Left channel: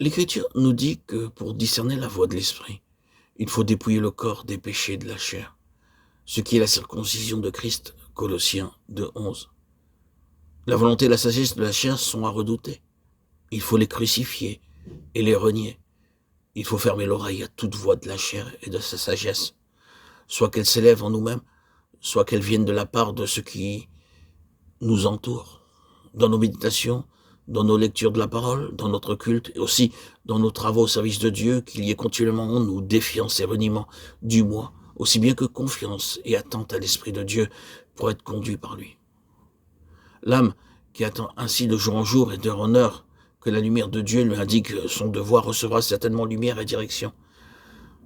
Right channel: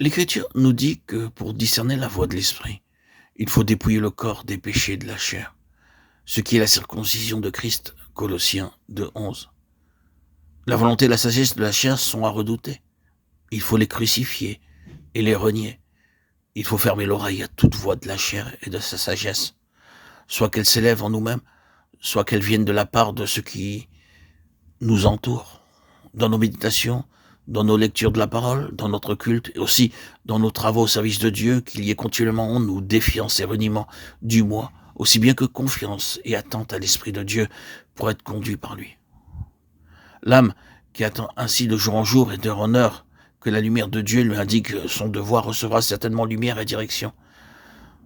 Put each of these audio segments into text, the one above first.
L'Écriture nous dit que pour discerner la voie de l'Esprit, il faut dépouiller le corps des péchés de la chair, ce qui est la circoncision de Christ, Colossiens 2:11. La volonté et la sagesse de la chair sont à redouter. Il faut les crucifier et les renier. Il faut fermer l'oreille à toute voix de la chair et de sa sagesse, soit qu'elle s'élève en nous-mêmes, soit qu'elle vienne de la part de ceux qui nous entourent, dans nos méditations, dans nos lectures de la parole, dans notre culte, et aussi dans nos travaux au service de Dieu, qu'il y ait continuellement en nous défiance et reniement du moi, aussi bien que confiance et attente à l'Esprit de Dieu pour être conduit par lui. L'âme qui attend ainsi de jour en jour et d'heure en heure que la lumière de Dieu lui indique son devoir recevra certainement lumière et direction.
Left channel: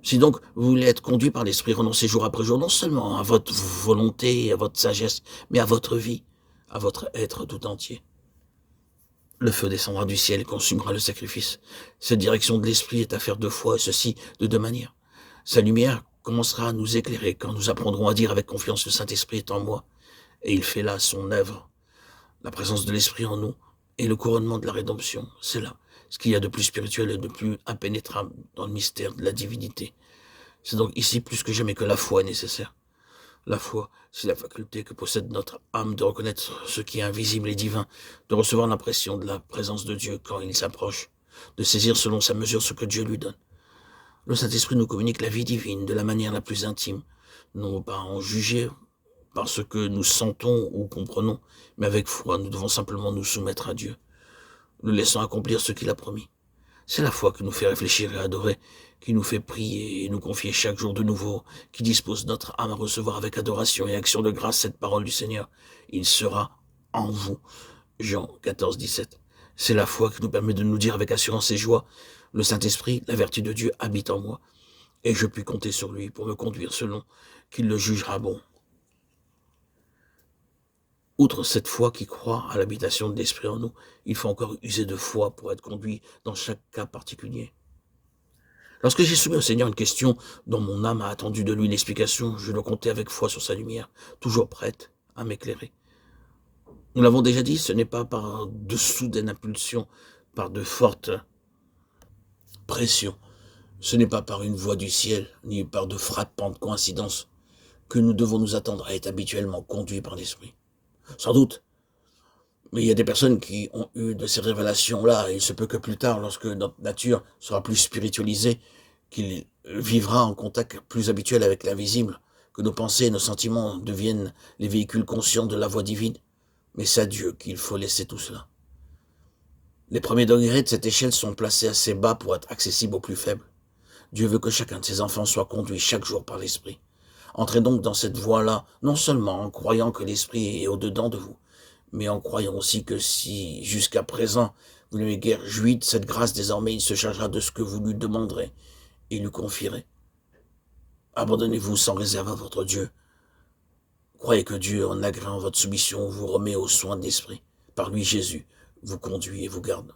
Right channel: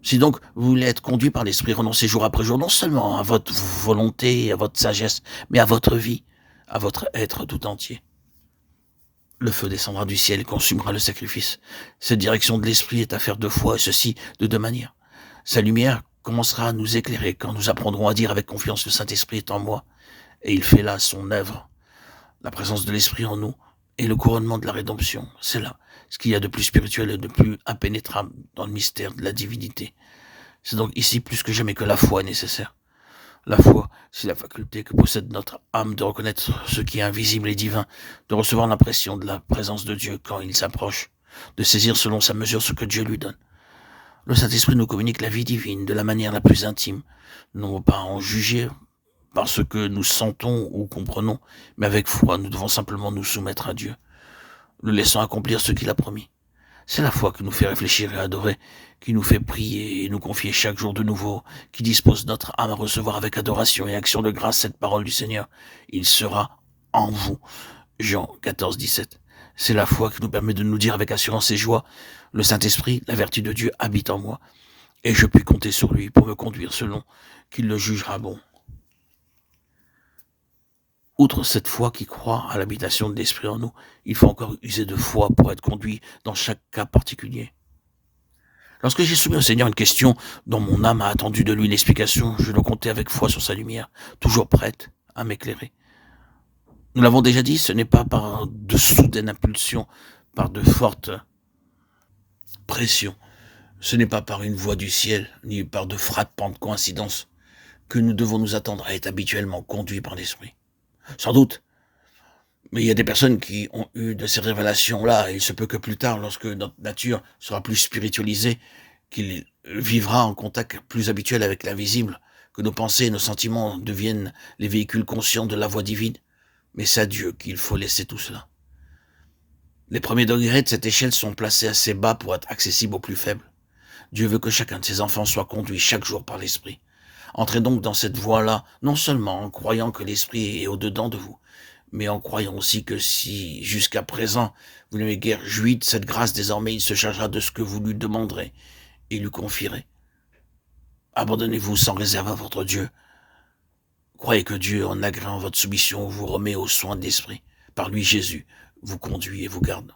Si donc vous voulez être conduit par l'Esprit, renoncez jour après jour non seulement à votre volonté et à votre sagesse, mais à votre vie, à votre être tout entier. Le feu descendra du ciel et consumera le sacrifice. Cette direction de l'Esprit est affaire de foi, et ceci de deux manières. Sa lumière commencera à nous éclairer quand nous apprendrons à dire avec confiance le Saint-Esprit est en moi, et il fait là son œuvre. La présence de l'Esprit en nous et le couronnement de la rédemption, c'est là ce qu'il y a de plus spirituel et de plus impénétrable dans le mystère de la divinité. C'est donc ici plus que jamais que la foi est nécessaire. La foi, c'est la faculté que possède notre âme de reconnaître ce qui est invisible et divin, de recevoir l'impression de la présence de Dieu quand il s'approche, de saisir selon sa mesure ce que Dieu lui donne. Le Saint-Esprit nous communique la vie divine de la manière la plus intime, non pas en juger par ce que nous sentons ou comprenons, mais avec foi, nous devons simplement nous soumettre à Dieu, le laissant accomplir ce qu'il a promis. C'est la foi qui nous fait réfléchir et adorer, qui nous fait prier et nous confier chaque jour de nouveau, qui dispose notre âme à recevoir avec adoration et action de grâce cette parole du Seigneur. Il sera en vous. Jean 14:17. C'est la foi qui nous permet de nous dire avec assurance et joie, le Saint-Esprit, la vertu de Dieu, habite en moi, et je puis compter sur lui pour me conduire selon qu'il le jugera bon. Outre cette foi qui croit à l'habitation de l'Esprit en nous, il faut encore user de foi pour être conduit dans chaque cas particulier. Lorsque j'ai soumis au Seigneur une question dont mon âme a attendu de lui l'explication, je le comptais avec foi sur sa lumière, toujours prête à m'éclairer. Nous l'avons déjà dit, ce n'est pas par de soudaines impulsions, par de fortes pressions, ce n'est pas par une voix du ciel, ni par de frappantes coïncidences, que nous devons nous attendre à être habituellement conduits par l'Esprit. Sans doute, mais il y a des personnes qui ont eu de ces révélations-là, et il se peut que plus tard, lorsque notre nature sera plus spiritualisée, qu'il vivra en contact plus habituel avec l'invisible, que nos pensées et nos sentiments deviennent les véhicules conscients de la voix divine. Mais c'est à Dieu qu'il faut laisser tout cela. Les premiers degrés de cette échelle sont placés assez bas pour être accessibles aux plus faibles. Dieu veut que chacun de ses enfants soit conduit chaque jour par l'Esprit. Entrez donc dans cette voie-là, non seulement en croyant que l'Esprit est au-dedans de vous, mais en croyant aussi que si, jusqu'à présent, vous n'avez guère joui de cette grâce, désormais il se chargera de ce que vous lui demanderez et lui confierez. Abandonnez-vous sans réserve à votre Dieu. Croyez que Dieu, en agréant votre soumission, vous remet aux soins de l'Esprit. Par lui, Jésus vous conduit et vous garde.